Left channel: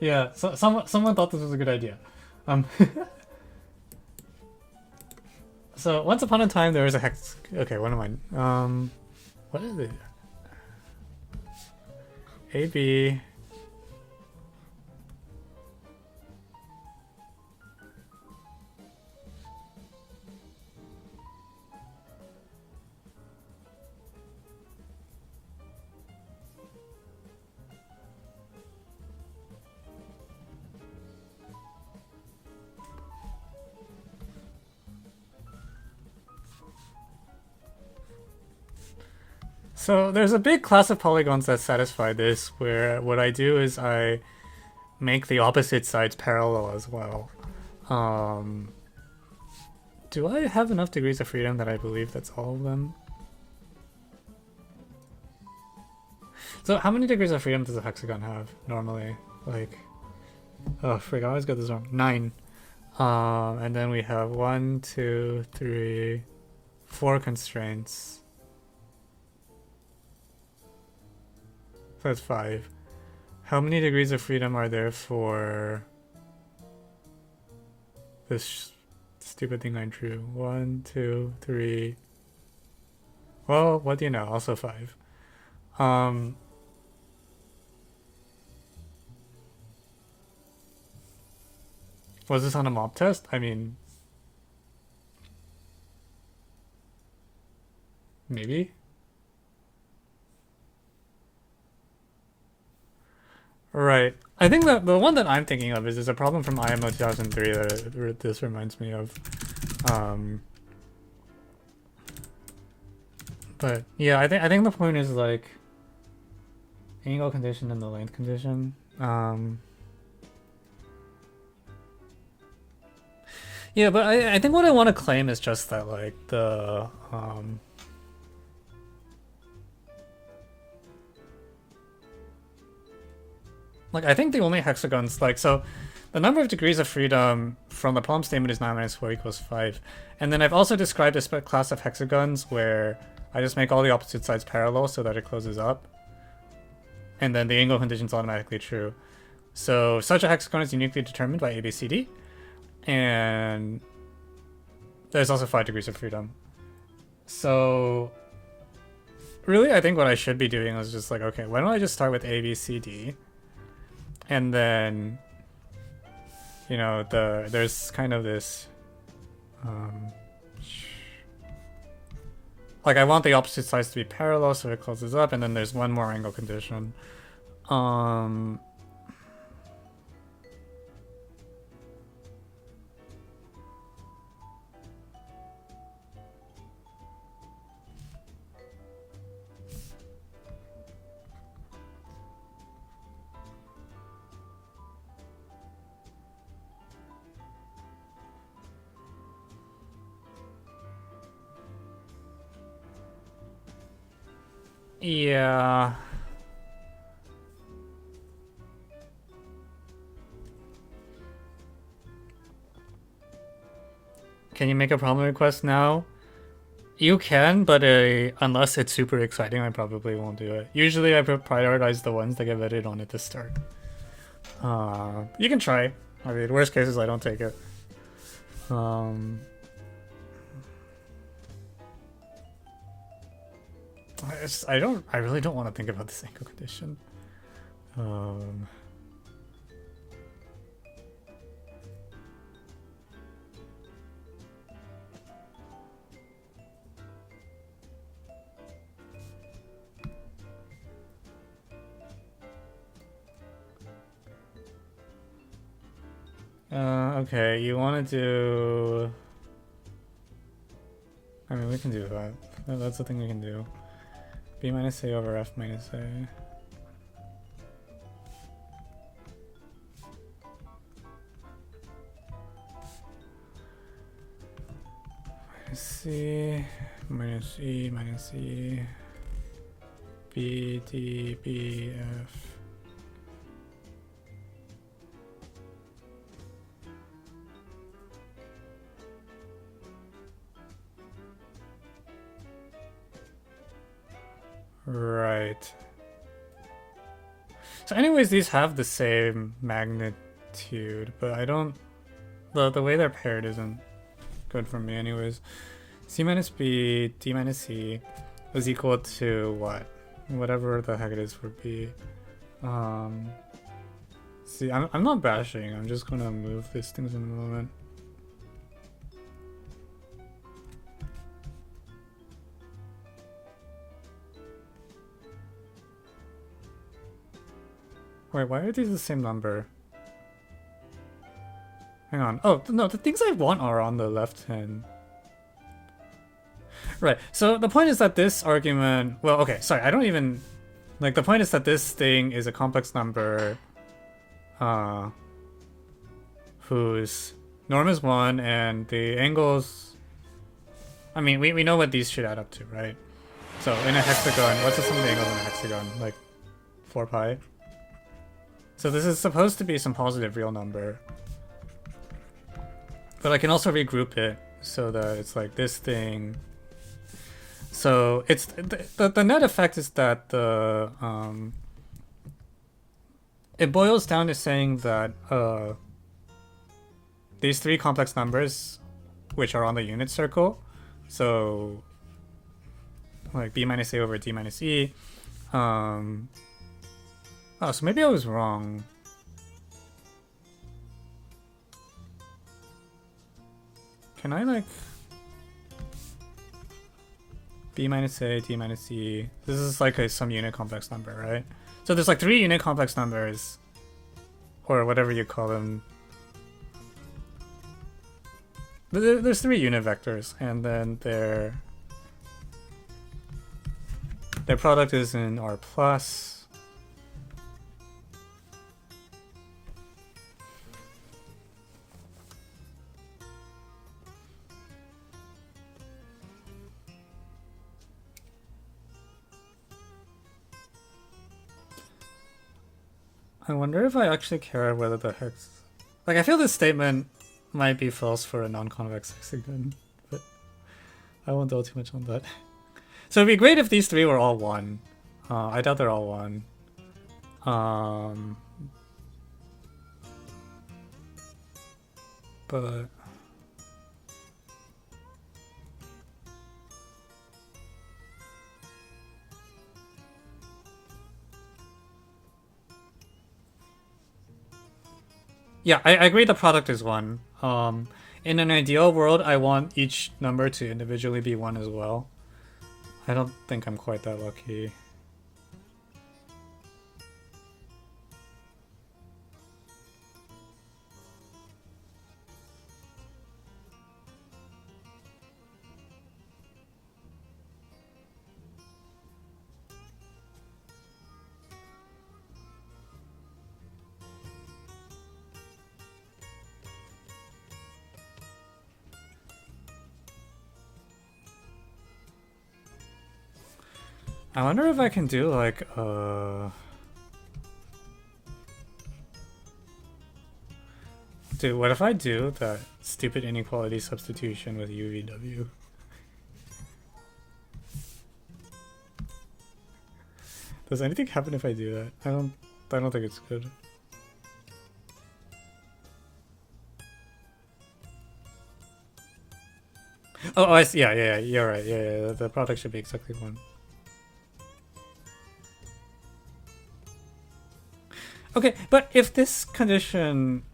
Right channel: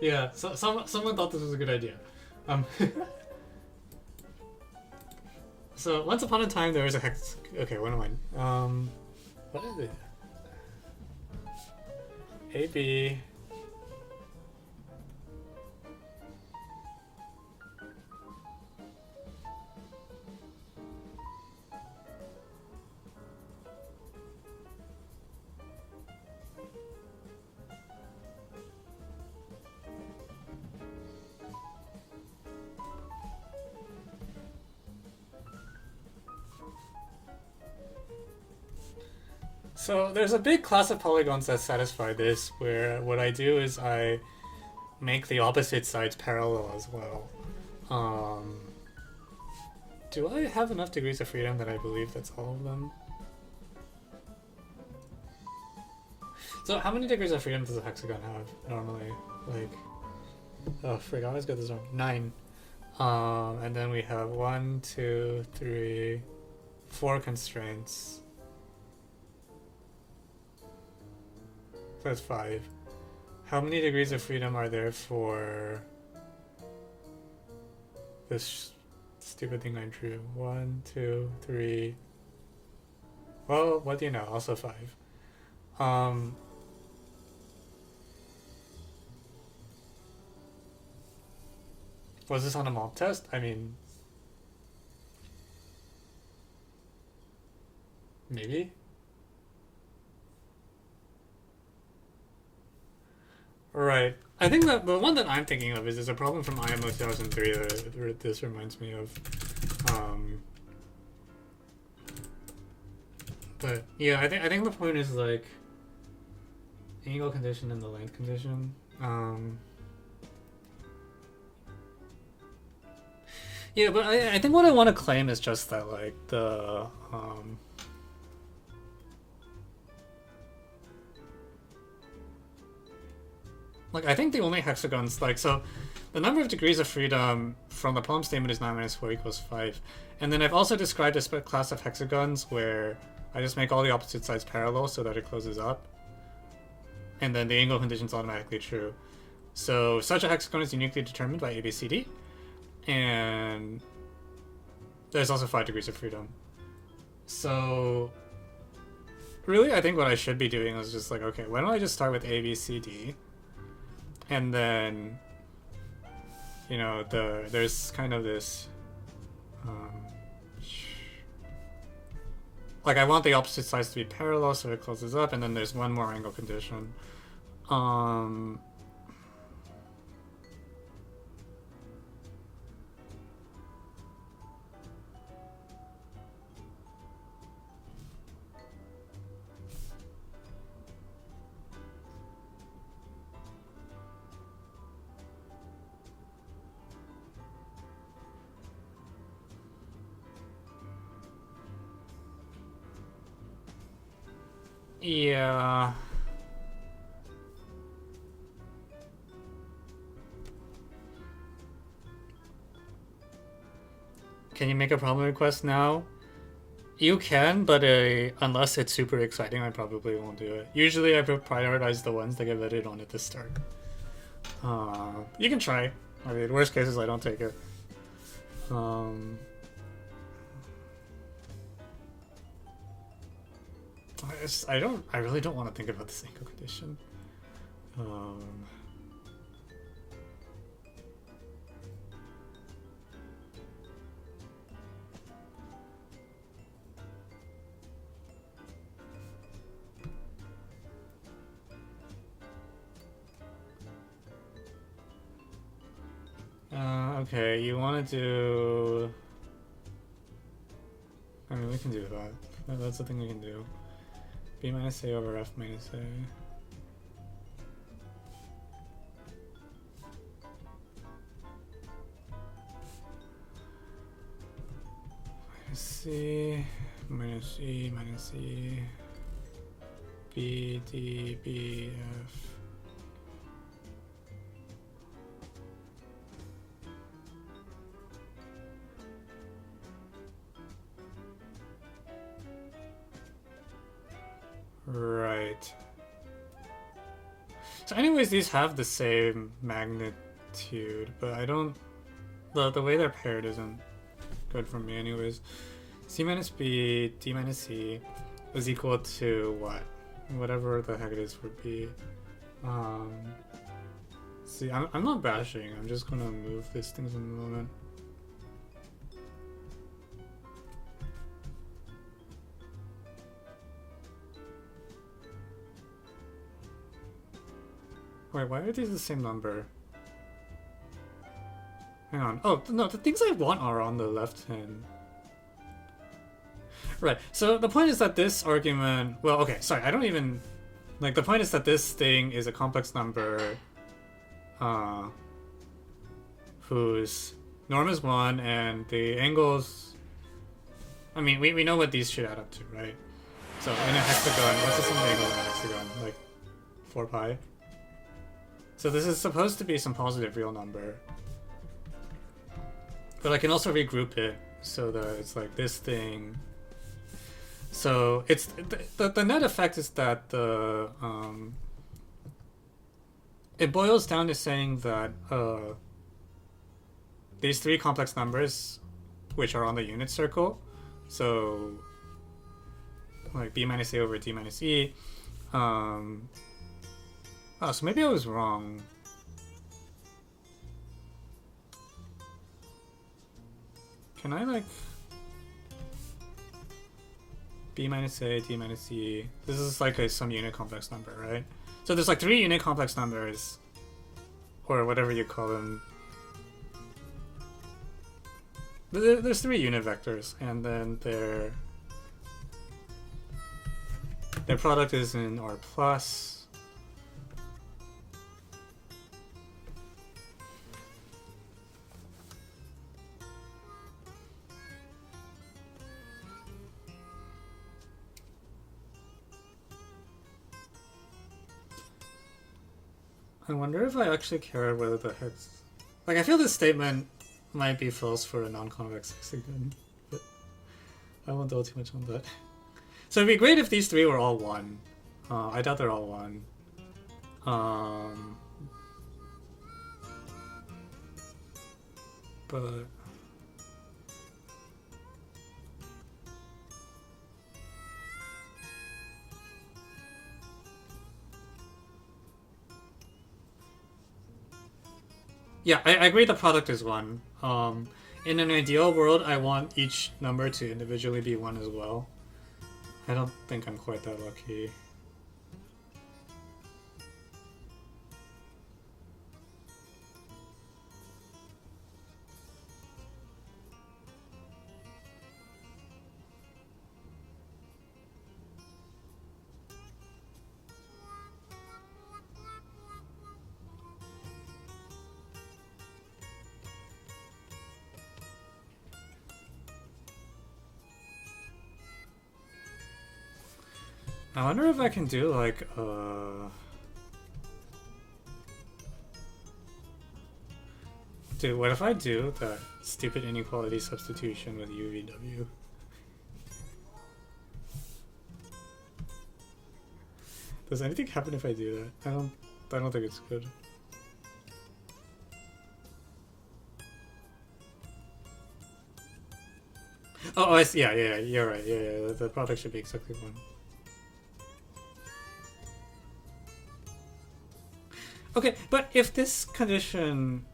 Yeah, so, someone thought this was a good idea. Um, so once upon a time there was a hex. Okay, what am I? What is it? AB. So there's a big class of polygons that satisfy this, where what I do is I make the opposite sides parallel as well. Do I have enough degrees of freedom that I believe that's all of them? So how many degrees of freedom does a hexagon have normally? Like, oh frig, I always get this wrong. 9. And then we have 1, 2, 3, 4 constraints. So that's 5. How many degrees of freedom are there for this stupid thing I drew? 1, 2, 3. Well, what do you know? Also 5. Was this on a mob test? I mean, maybe? Right. I think that the one that I'm thinking of is a problem from IMO 2003 that this reminds me of. But yeah, I think the point is like angle condition and the length condition. Yeah, but I think what I want to claim is just that like the like I think the only hexagons like so the number of degrees of freedom from the problem statement is 9 minus 4 equals 5. And then I've also described a class of hexagons where I just make all the opposite sides parallel so that it closes up. And then the angle condition is automatically true. So such a hexagon is uniquely determined by ABCD. And there's also 5 degrees of freedom. So really, I think what I should be doing is just like, okay, why don't I just start with ABCD? And then, you know, there's kind of this, like I want the opposite sides to be parallel so it closes up, and then there's one more angle condition. Yeah. Can you make a problem request now? You can, but unless it's super exciting, I probably won't do it. Usually I prioritize the ones that get vetted on at the start. You can try. I mean, worst case is I don't take it. I really don't want to think about this angle condition. Okay, you want to do... I mean, we can do that. That's the thing we can do. B minus A over F minus A. Minus C, minus E, minus E. B, D, B, F. Right. So anyways, these have the same magnitude, but I don't... The way they're paired isn't good for me anyways. C minus B, D minus C was equal to what? Whatever the heck it is for B. See, I'm not bashing, I'm just gonna move these things in a moment. Wait, why are these the same number? Hang on. Oh, no, the things I want are on the left hand. Right, so the point is that this argument... Well, okay, sorry, I don't even... Like, the point is that this thing is a complex number whose norm is 1 and the angles... I mean, we know what these should add up to, right? So in a hexagon, what's the sum of the angles in a hexagon? Like 4 pi? So this is supposed to be some positive real number. But I can also regroup it so that it's like this thing. So it's the net effect is that the it boils down to saying that these three complex numbers which are on the unit circle, so like B minus A over D minus E, oh, so maybe I was wrong. Can I like B minus A, D minus E? This is like some unit complex number, right? So there's like 3 unit complex numbers, or whatever you call them. There's 3 unit vectors, and then their product is in R plus. I wonder if I actually care whether the hex... Like, I feel this statement might be false for a non-convex hexagon, but I won't dwell too much on that. So it'd be great if these 3 were all 1. I doubt they're all 1. But... yeah, I agree the product is 1. In an ideal world, I want each number to individually be 1 as well. I don't think I'm quite that lucky. I wonder if I can do like Dude, what if I do that stupid inequality substitution with UVW? Does anything happen if I do that? I don't think it's good. Oh, I see. Yeah, you're right. Yeah, the product should be exactly 1. Okay, but if this condition...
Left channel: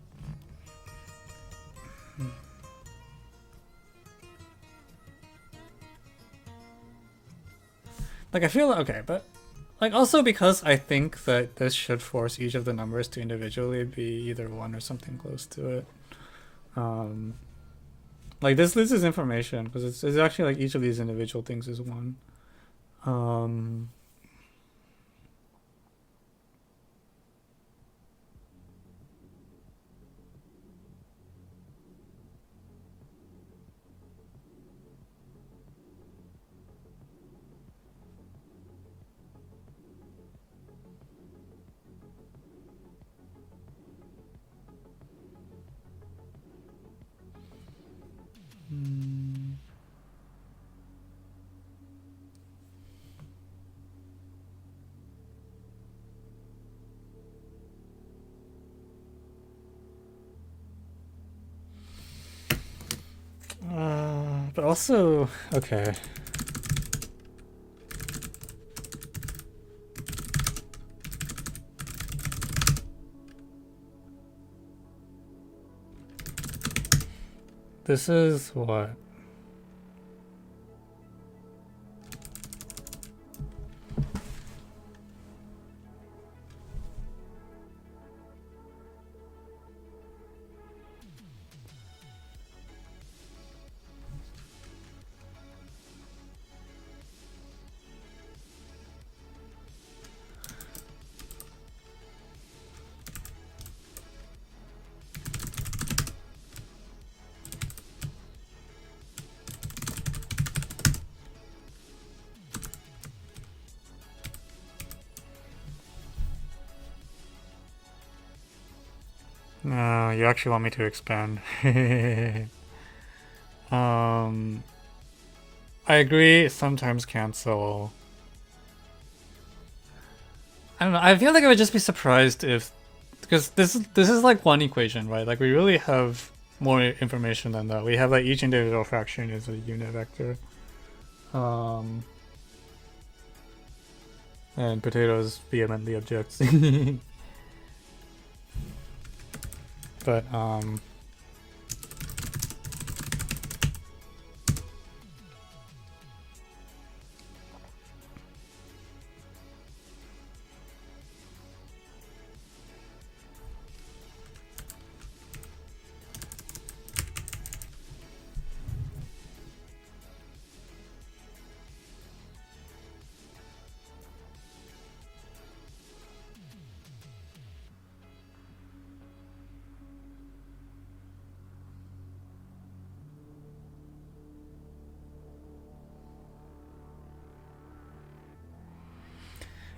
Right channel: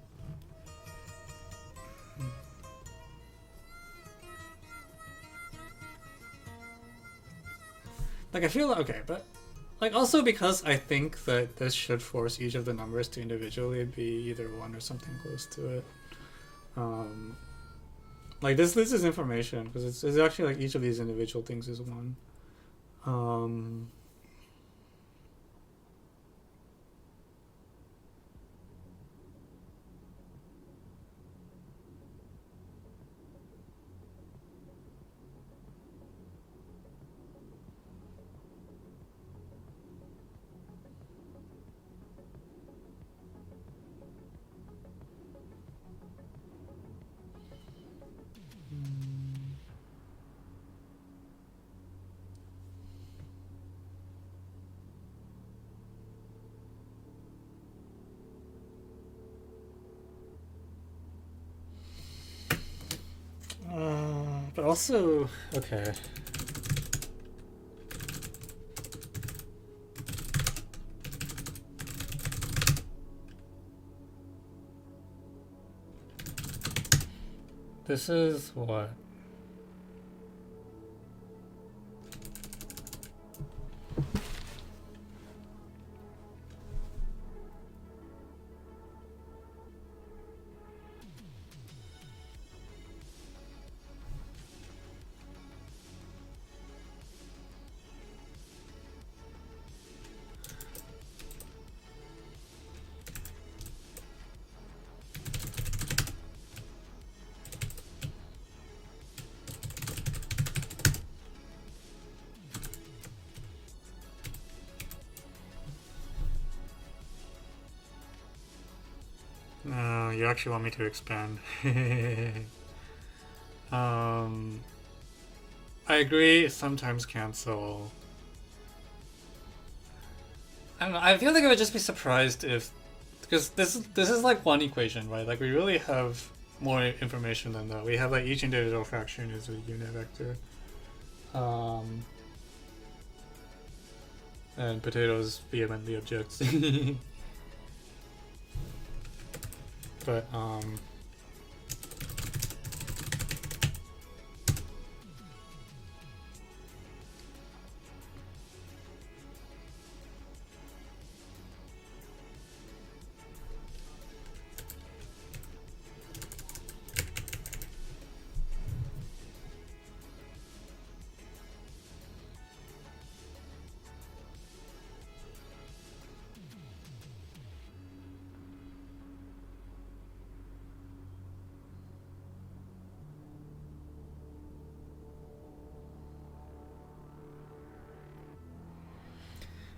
Like, I feel... Okay, but... Like, also because I think that this should force each of the numbers to individually be either 1 or something close to it. Like, this is information, because it's actually like each of these individual things is 1. But also, okay. This is what? No, you actually want me to expand. I agree, sometimes cancel. I don't know, I feel like I would just be surprised if, because this is like one equation, right? Like we really have more information than that. We have like each individual fraction is a unit vector. And potatoes vehemently objects. But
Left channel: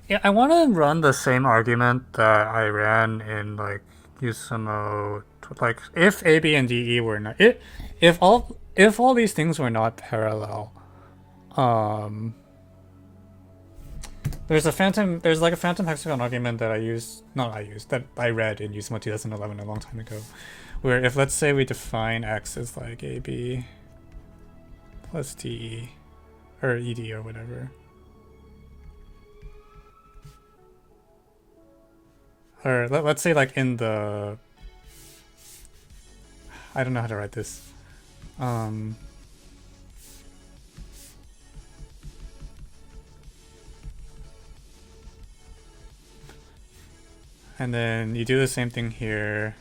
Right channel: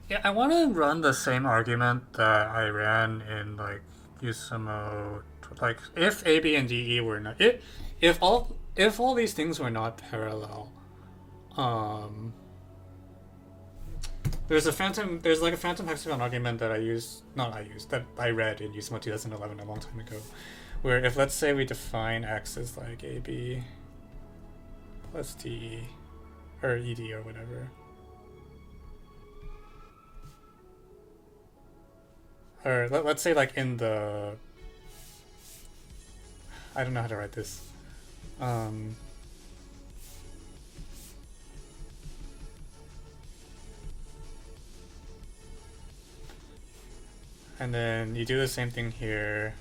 yeah, I want to run the same argument that I ran in like Usamo, like if A, B, and D, E were not if all these things were not parallel, um, there's like a phantom hexagon argument that that I read in Usamo 2011 a long time ago, where if let's say we define X as like AB plus DE or ED or whatever. Or let's say like in the, I don't know how to write this. And then you do the same thing here.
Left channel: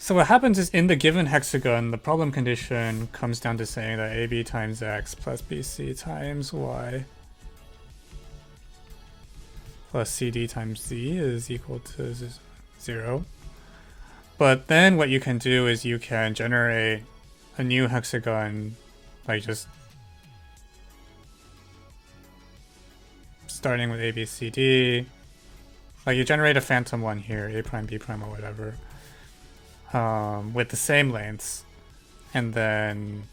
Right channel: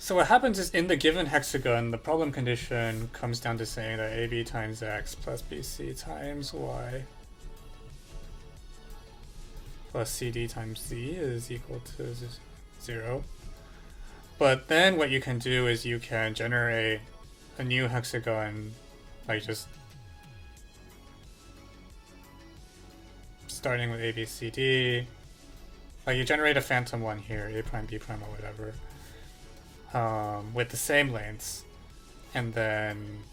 So what happens is in the given hexagon, the problem condition comes down to saying that AB times X plus BC times Y plus CD times Z is equal to 0. But then what you can do is you can generate a new hexagon, like just starting with A, B, C, D. Like you generate a phantom one here, A prime, B prime, or whatever. With the same lengths, and then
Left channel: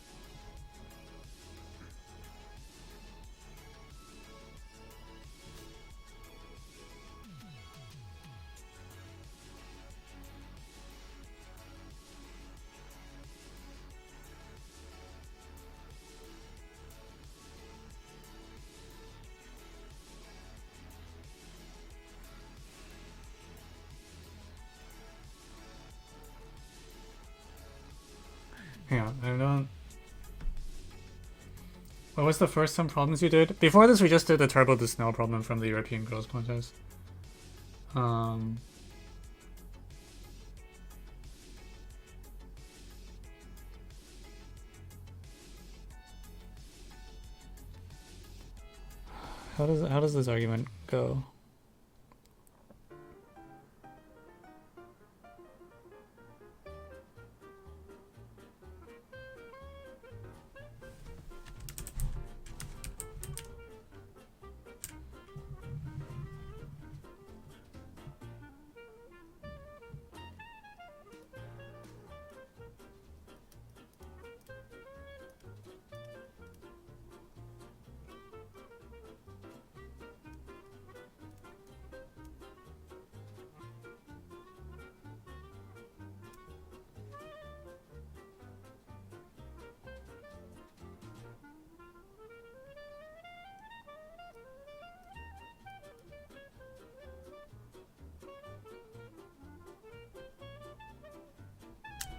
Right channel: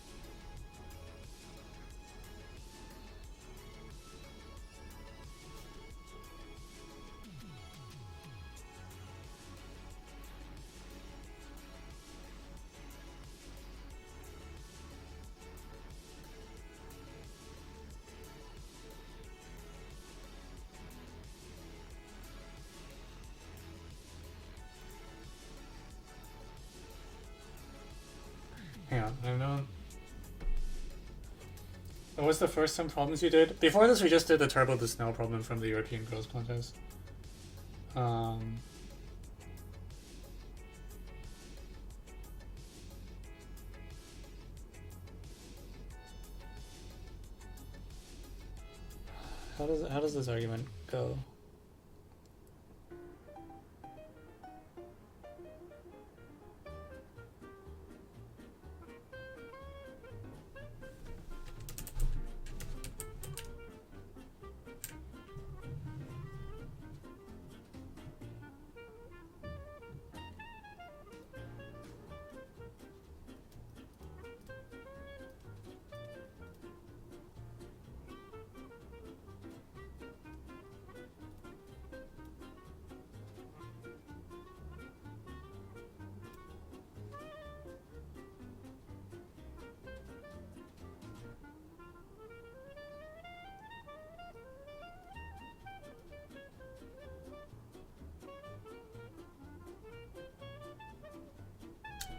hang on, I don't. What was the first some problems you did? Before this, we just did the Turbo the Snow problem from the European Girls Contest. How does this argument go?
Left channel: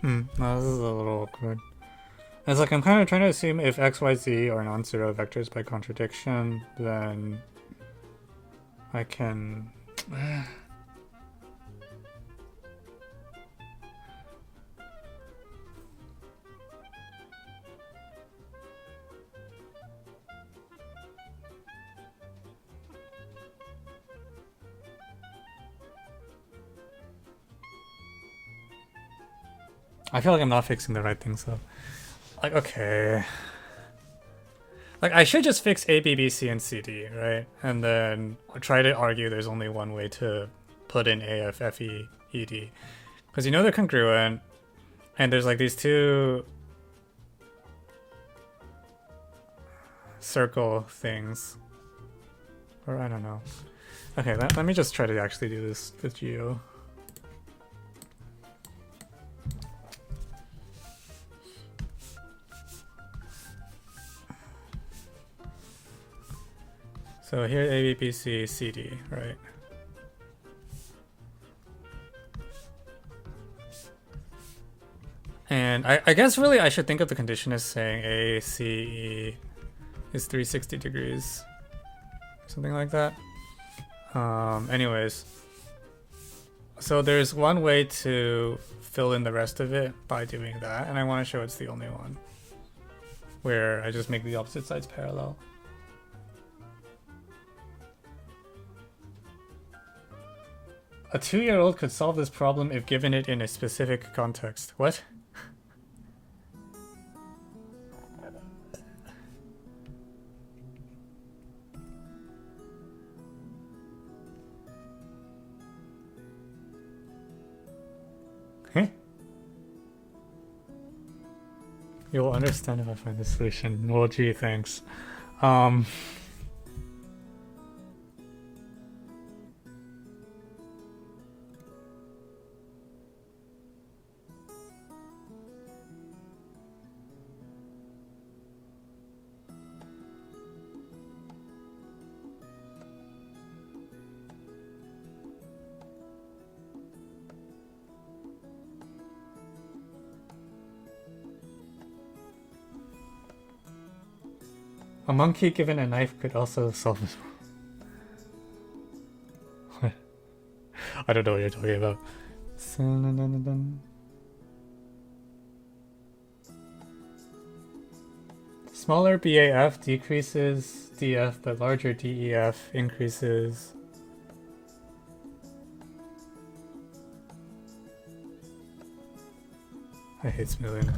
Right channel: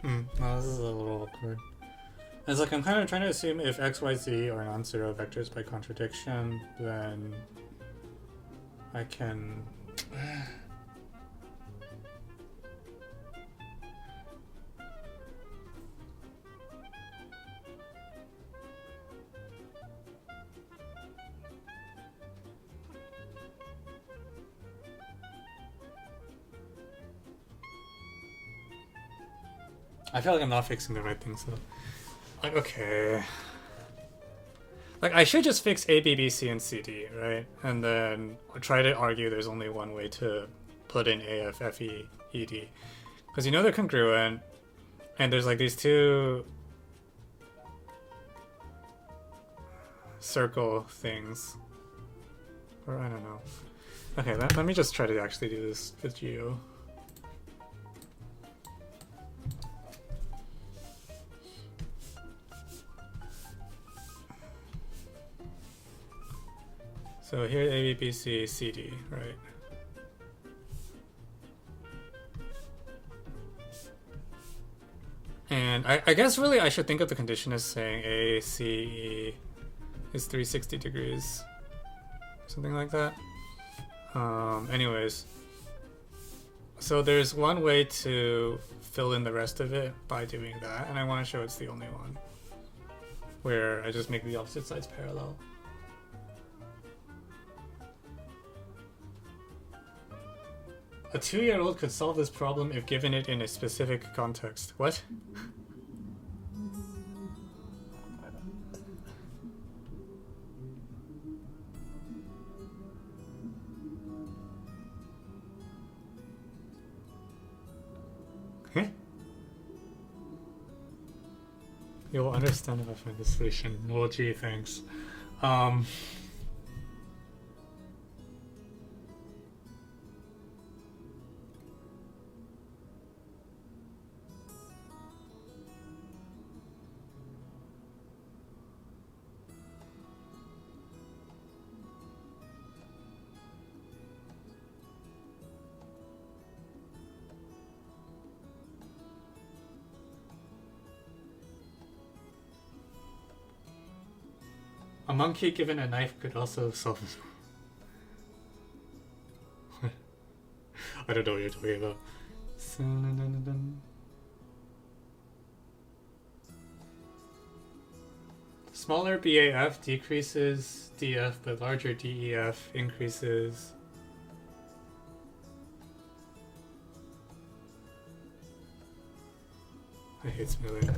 No, this is a little awkward. It's like I'm kind of trying to assume if x, y, z are non-zero vectors by contradiction, then I can... I feel like I'm not fixing the right thing, so... Like, okay... Like, I should just fix A, B, B, C, and C, D, right? And then try to argue there's only one way to put in A, F, F, E, E, D. Because you know they're congruent, and there's like these two circle things. Or I don't know. Okay, let me just try to actually do this with you. So here A, B, B, C, C, D, right? And I guess really I should think of the condition as saying A, C, E is 360 degrees. Something like that. Anyways. So there's one way to fill in the rest of it by doing that, and I want to show it's the only one. Where I just make the opposite sides parallel. A 2-year-old could solve this problem if given it in a specific context. What? Huh? You'll understand if I find the solution. Well, gee, thanks. A monkey given a knife could also solve this problem. I don't know what you're talking about. Smaller BAF decreases DF, but larger DEF increases. I hate smoothing.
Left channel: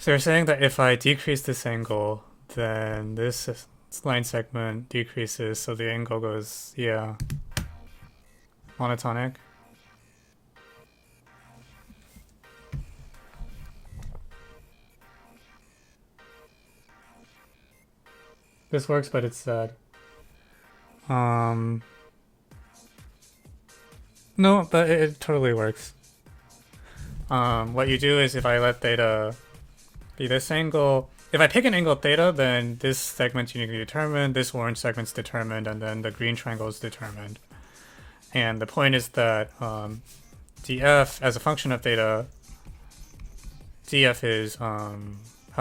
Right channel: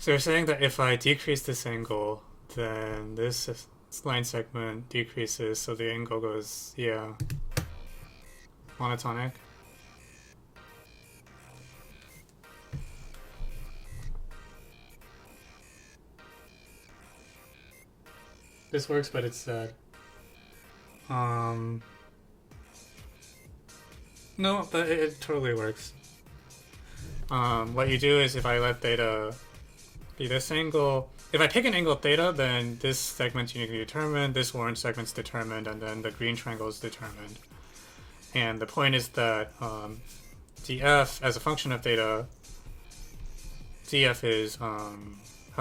So you're saying that if I decrease this angle, then this line segment decreases, so the angle goes, yeah, monotonic. This works, but it's sad. No, but it totally works. What you do is if I let theta be this angle, if I pick an angle theta, then this segment's uniquely determined, this orange segment's determined, and then the green triangle is determined. And the point is that df, as a function of theta, df is, how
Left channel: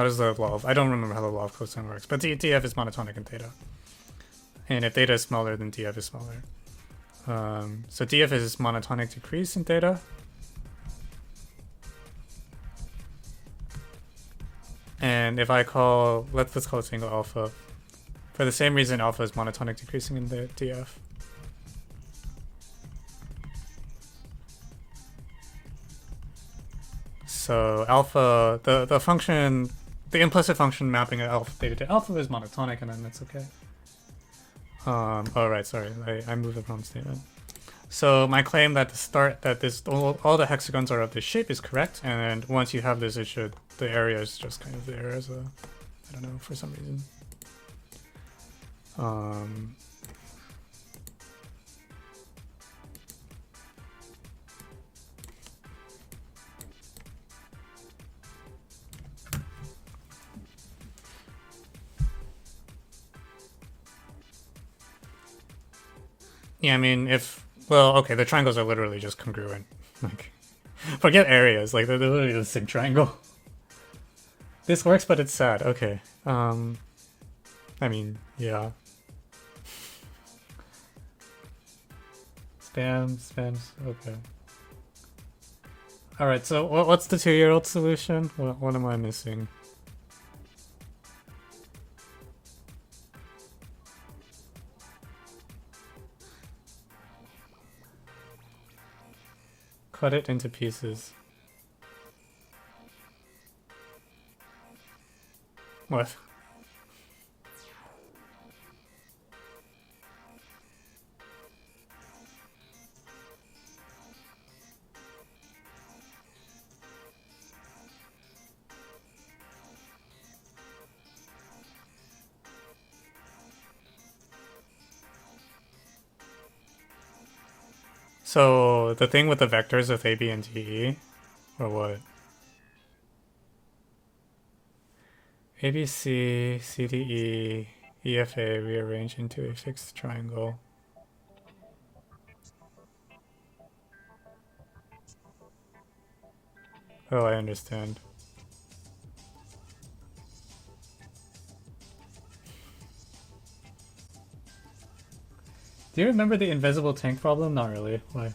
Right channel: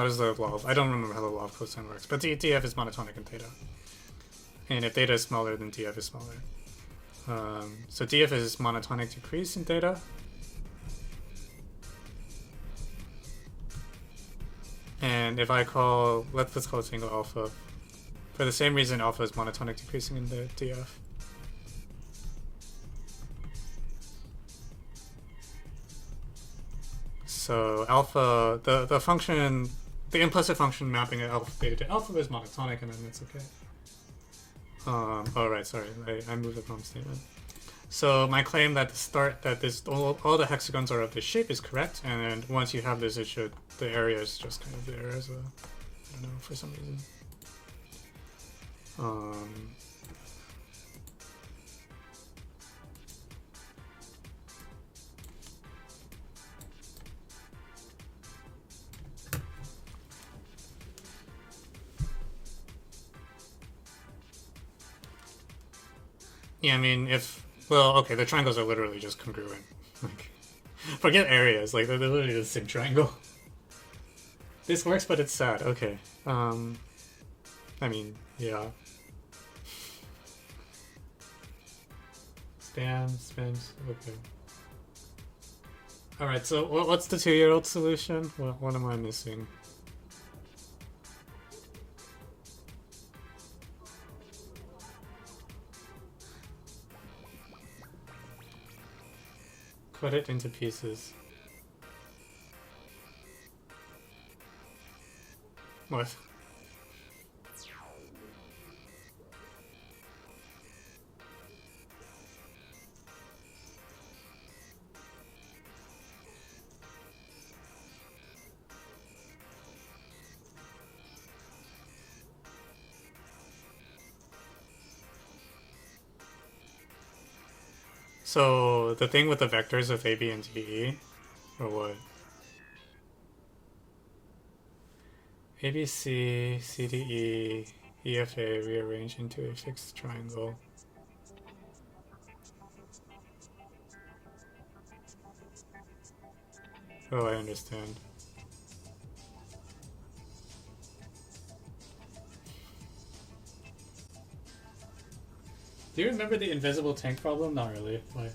does the law of, I don't remember how the law of cosine works, but df is monotonic in theta. And if theta is smaller, then df is smaller. So df is monotonic decrease in theta. And if I call, let's call this angle alpha. For the same reason alpha is monotonic decreasing in the df. So alpha, the function, the implicit function mapping of alpha theta to alpha is monotonic, and then that's okay. Oh right, sorry, I moved the problem statement. So my claim that all the hexagons are of this shape is correct, and once you have this, the area is just kind of there as a, I don't know, for some reason. Yeah, I mean, if... Well, okay, the triangles are literally just congruent. Like, forget areas, like, they're literally the same triangle. This works, but it's sad. Okay. I mean, yeah. Spams, okay. Alright, so what's the 2-year-old solution? What am I missing? Cut it into pieces. What? So, the thing with the vectors with A, B, and D, E? Or what? A, B, C, C, D, E, E, F, A rearrange into a fixed triangle. Oh, I understand. Do you remember the invisible tank problem? Not really. Why?